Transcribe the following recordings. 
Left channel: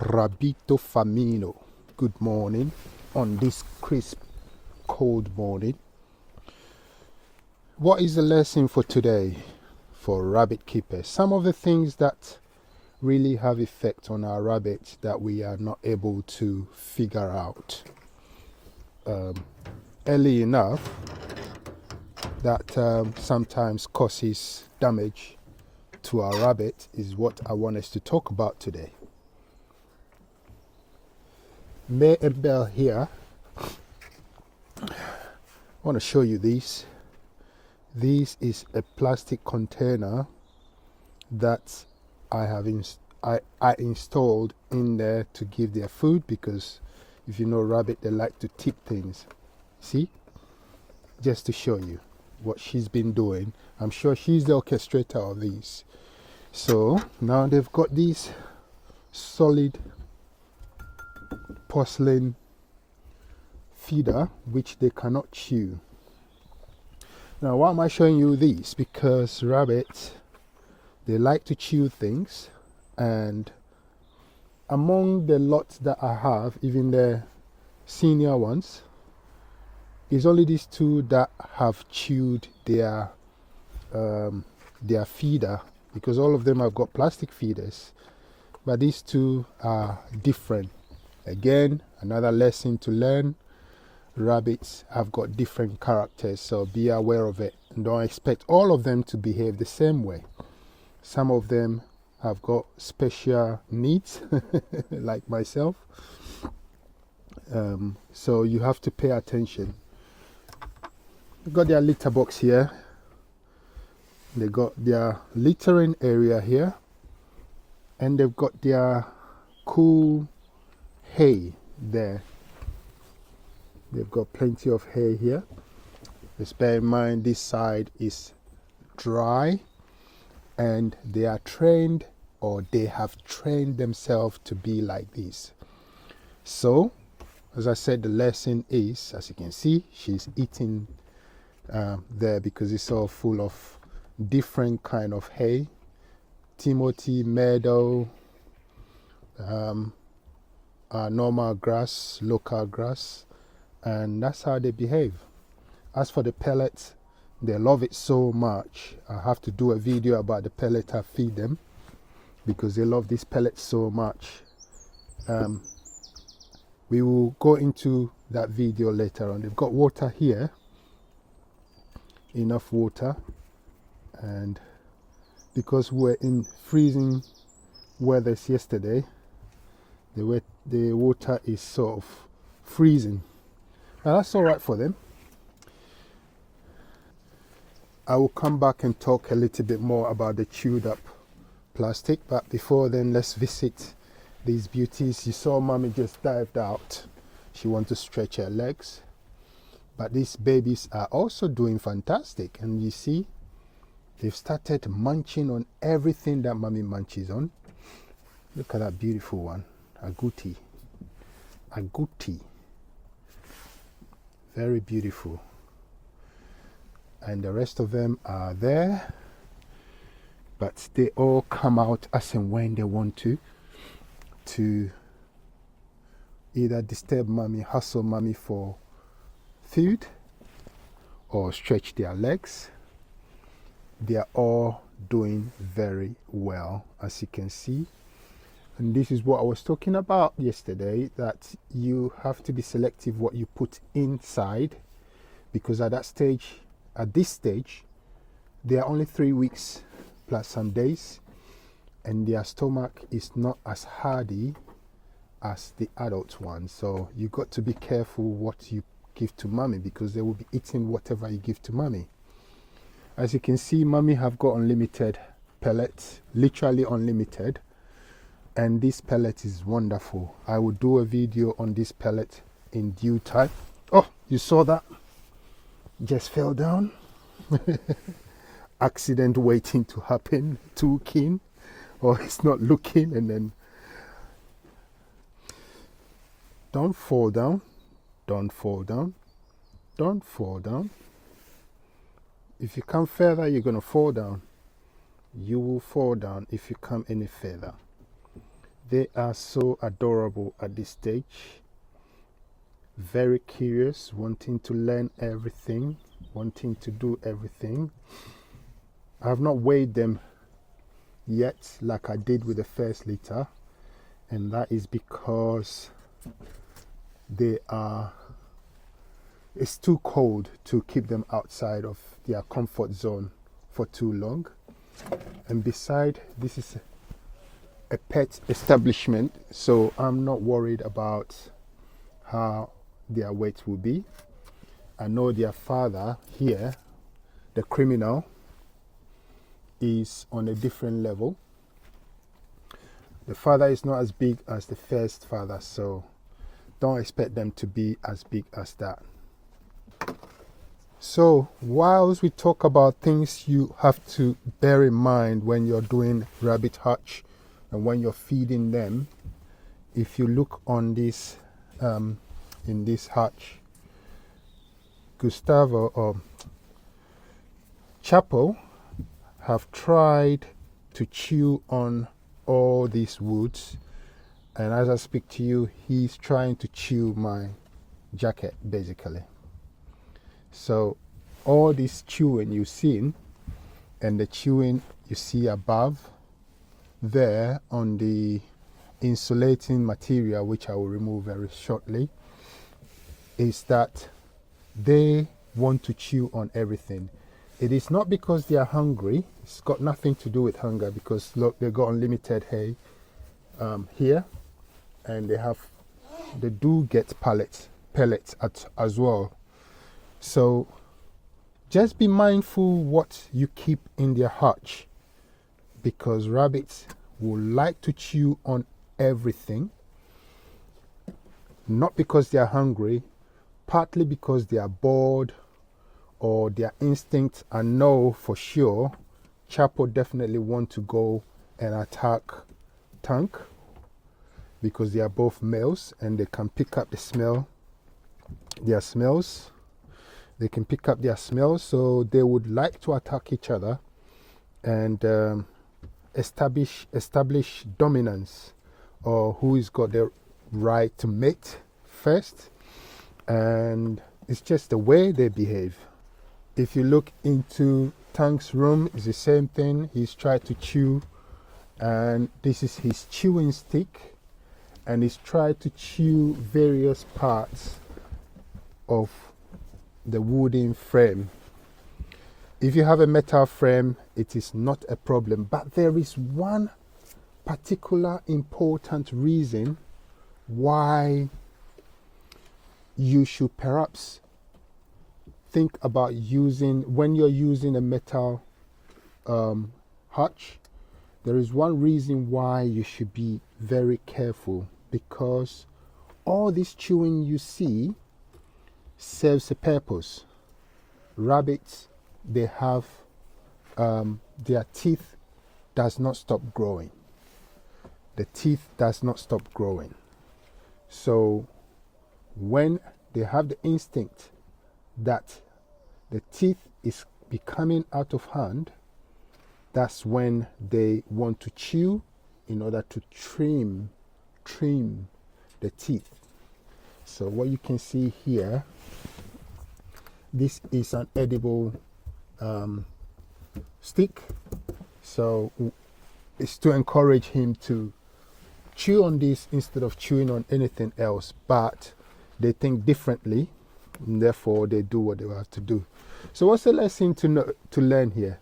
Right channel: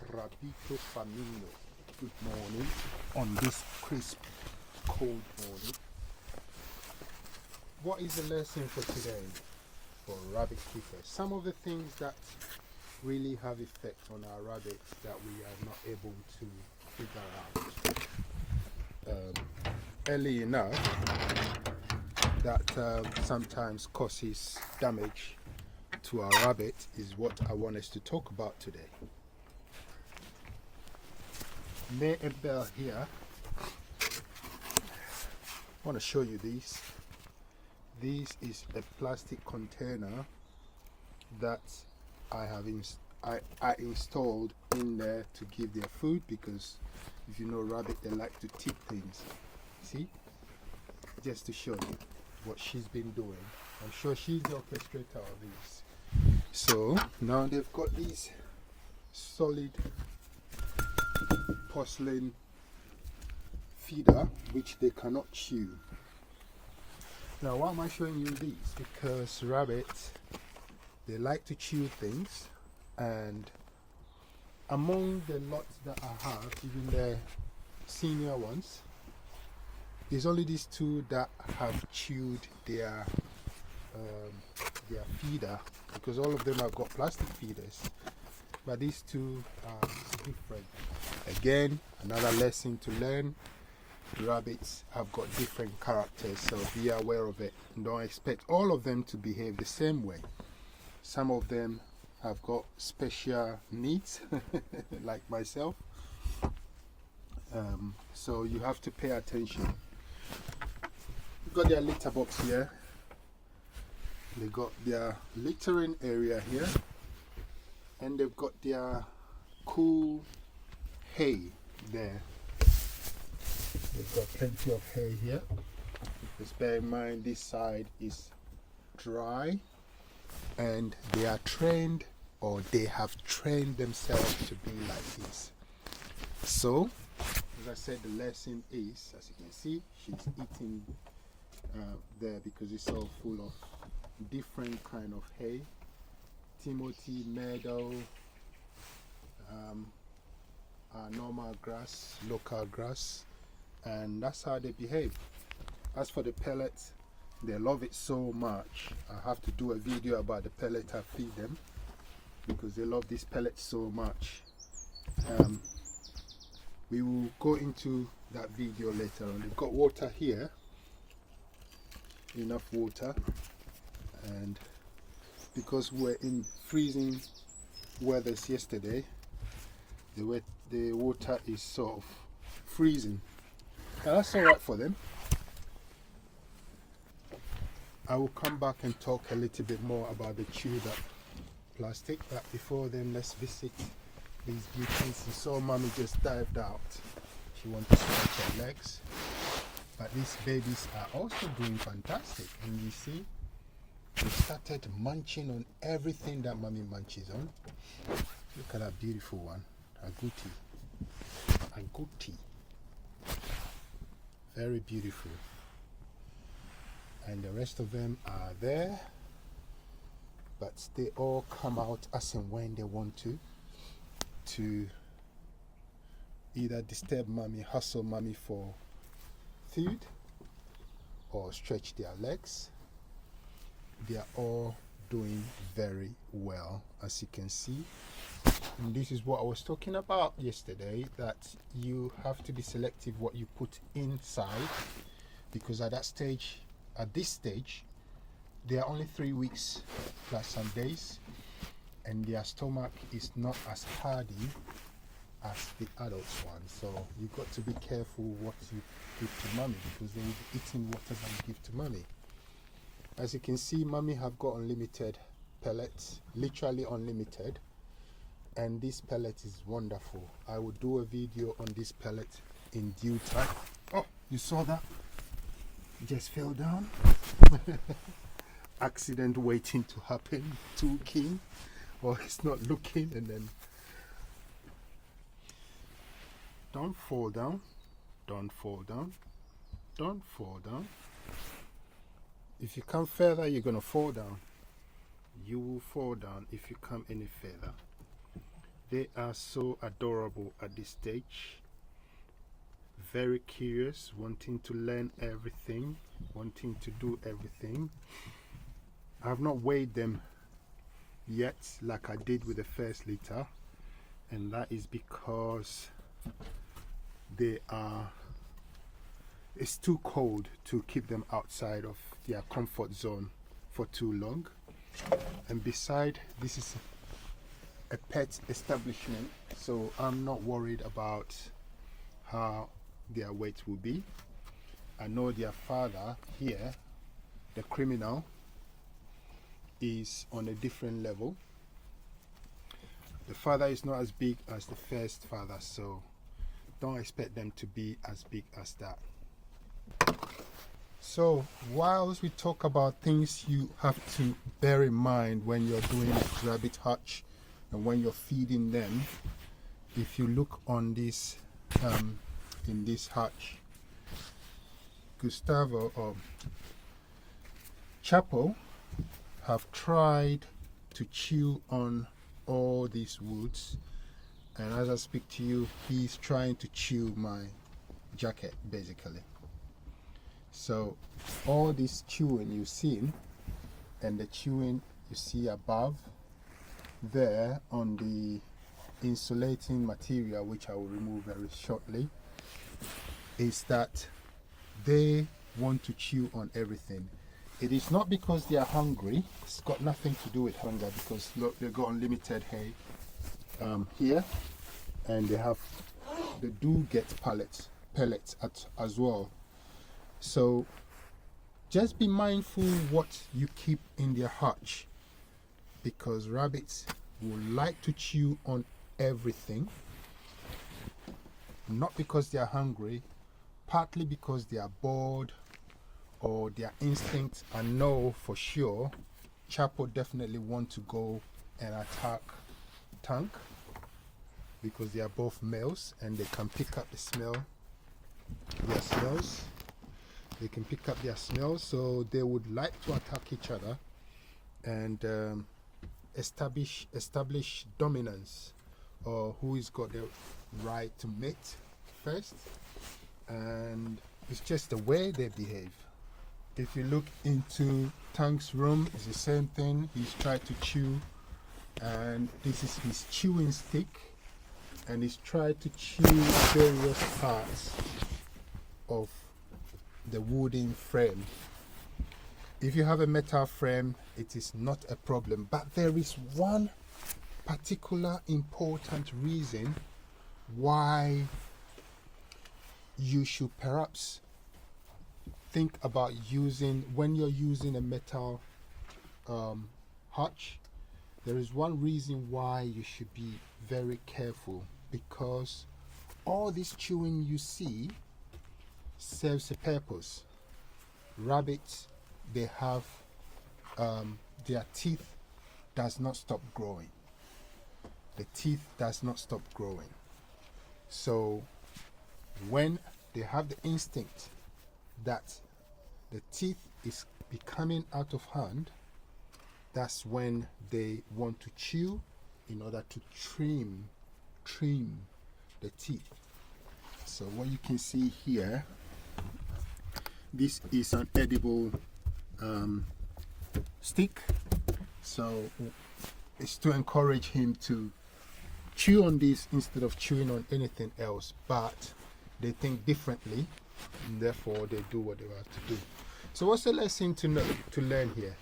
Rabbito Farmino. Good morning on this crisp, cold morning. What is the lesson for today for rabbit keepers? Some of the things that really have effect on our rabbits that we are not able to figure out early enough that sometimes causes damage to our rabbit is what I want us to talk about today. May and Bell here. I want to show you these. This is a plastic container that I have I installed in there to give their food, because if you know rabbit, they like to tip things. See, just to show you what she's been doing. I'm sure she's the orchestrator of these. So now they've got these solid porcelain feeder which they cannot chew. Now why am I showing you these? Because rabbits, they like to chew things, and among the lots that I have, even the senior ones, it's only these two that have chewed their feeder, because all of them have got plastic feeders, but these two are different. Again, another lesson to learn. Rabbits have got different characters, so be aware of it. Don't expect all of them to behave the same way. Some of them have got special needs like myself, so you have to pay attention. They've got their litter box here. They got their littering area here, and they've got their cool hay there. They've got plenty of hay here. Just bear in mind this side is dry, and they are trained, or they have trained themselves to be like this. So as I said, the lesson is, as you can see, she's eating there, because it's all full of different kind of hay. Timothy, meadow, normal grass, local grass, and that's how they behave. As for the pellets, they love it so much. I have to do a video about the pellet I feed them, because they love this pellet so much. We will go into that video later on. They've got water here, enough water, and because we're in freezing weathers yesterday, the water is sort of freezing. Now that's all right for them. I will come back and talk a little bit more about the chewed up plastic, but before then, let's visit these beauties. You saw mommy just dived out. She wants to stretch her legs, but these babies are also doing fantastic, and you see they started munching on everything that mommy munches on. Look at that beautiful one, agouti, very beautiful. And the rest of them are there, but they all come out as and when they want to either disturb mommy, hustle mommy for food, or stretch their legs. They are all doing very well, as you can see. And this is what I was talking about yesterday, that you have to be selective what you put inside, because at this stage they are only 3 weeks plus some days, and their stomach is not as hardy as the adult one. So you got to be careful what you give to mommy, because they will be eating whatever you give to mommy. As you can see, mommy have got unlimited pellets, literally unlimited, and this pellet is wonderful. I will do a video on this pellet in due time. Oh, you saw that? Just fell down. Accident waiting to happen. Too keen, or it's not looking, and then don't fall down, don't fall down, don't fall down. If you come further, you're gonna fall down. You will fall down if you come any further. They are so adorable at this stage. Very curious, wanting to learn everything, wanting to do everything. I have not weighed them yet like I did with the first litter, and that is because it's too cold to keep them outside of their comfort zone for too long. And beside, this is a pet establishment, so I'm not worried about how their weight will be. I know their father here, the criminal, is on a different level. The father is not as big as the first father, so don't expect them to be as big as that. So whilst we talk about things you have to bear in mind when you're doing rabbit hutch and when you're feeding them, if you look on this in this hutch, Gustavo or Chapo have tried to chew on all these woods, and as I speak to you, he's trying to chew my jacket basically. So all this chewing you've seen and the chewing you see above there on the insulating material, which I will remove very shortly, is that they want to chew on everything. It is not because they are hungry. It's got nothing to do with hunger, because look, they got unlimited hay here, and they do get pellets as well. So just be mindful what you keep in their hutch, because rabbits will like to chew on everything, not because they are hungry, partly because they are bored or their instincts. I know for sure Chapo definitely want to go and attack Tank, because they are both males and they can pick up their smells. They can pick up their smells, so they would like to attack each other and establish dominance, or who has got the right to mate first. And it's just the way they behave. If you look into Tank's room, it's the same thing. He's tried to chew, and this is his chewing stick, and he's tried to chew various parts of the wooden frame. If you have a metal frame, it is not a problem, but there is one particular important reason why you should perhaps think about when you're using a metal hutch. There is one reason why you should be very careful, because all this chewing you see serves a purpose. Rabbits, they have their teeth does not stop growing. The teeth does not stop growing. So when they have the instinct that the teeth is becoming out of hand, that's when they want to chew in order to trim the teeth. So what you can see here, this is an edible stick, so it's to encourage him to chew on this instead of chewing on anything else. But they think differently, and therefore they do what they have to do. So what's the lesson to learn here?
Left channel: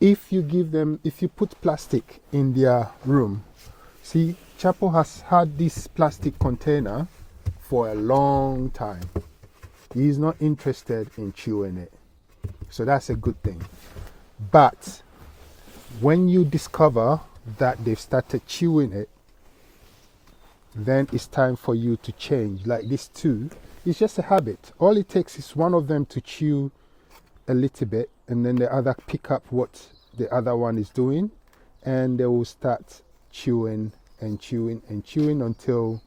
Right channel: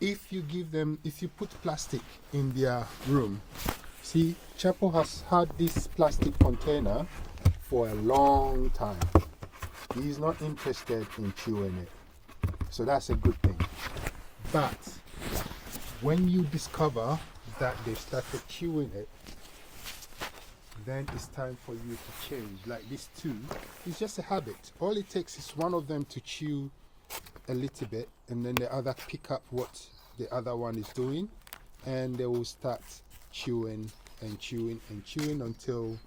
If you put plastic in their room, see, Chapo has had this plastic container for a long time. He's not interested in chewing it, so that's a good thing. But when you discover that they've started chewing it, then it's time for you to change. Like this too, it's just a habit. All it takes is one of them to chew a little bit, and then the other pick up what the other one is doing, and they will start chewing and chewing and chewing until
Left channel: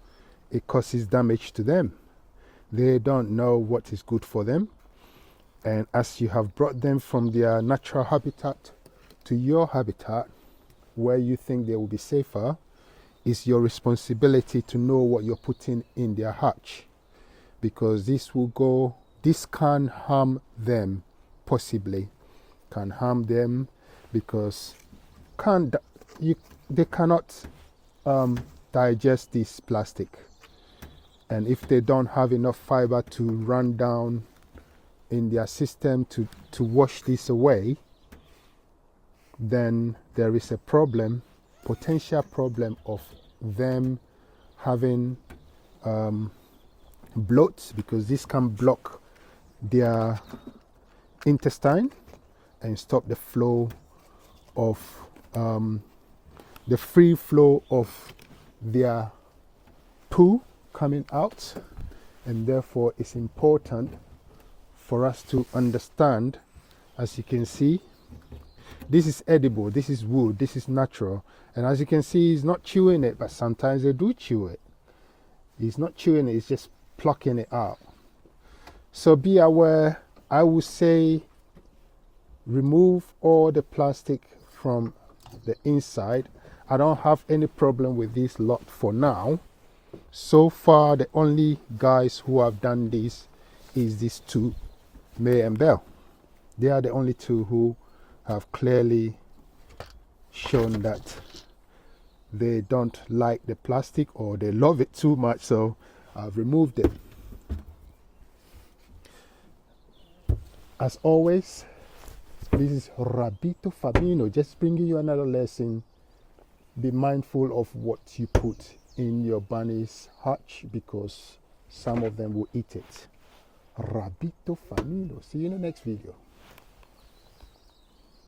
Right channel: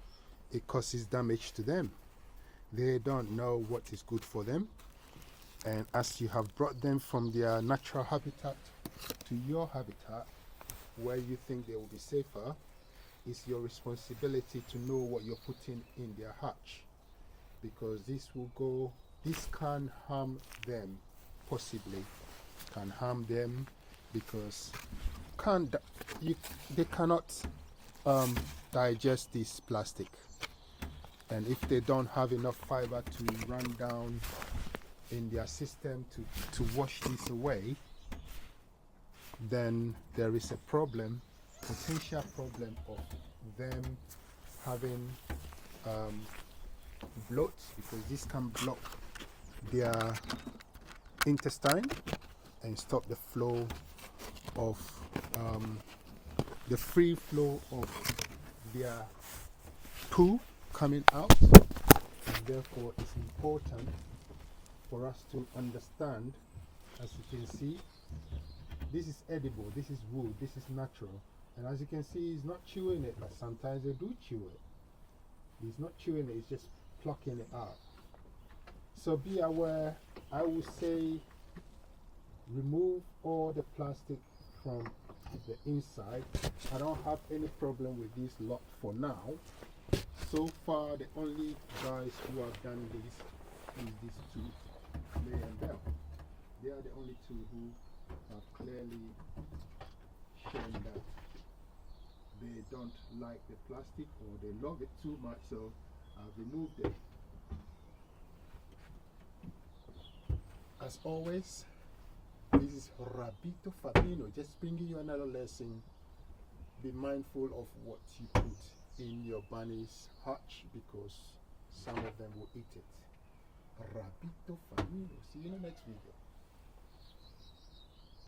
it causes damage to them. They don't know what is good for them, and as you have brought them from their natural habitat to your habitat where you think they will be safer, it's your responsibility to know what you're putting in their hatch, because this can harm them, possibly can harm them, because they cannot digest this plastic, and if they don't have enough fiber to run down in their system to wash this away, then there is a potential problem of them having bloat, because this can block their intestine and stop the flow of the free flow of their poo coming out. And therefore it's important for us to understand. As you can see, this is edible, this is wood, this is natural, and as you can see, he's not chewing it, but sometimes they do chew it. He's not chewing it, he's just plucking it out. So be aware. I would say remove all the plastic from the inside. I don't have any problem with this lot for now. So far, the only guys who have done this is these two, May and Bell. They are the only two who have clearly shown that they don't like the plastic, or they love it too much, so I've removed it. As always, this is Rabbito Farmino, just bringing you another lesson. Be mindful of what you put in your bunny's hatch, because some of them will eat it. Rabbito Farmino. See you in the next video.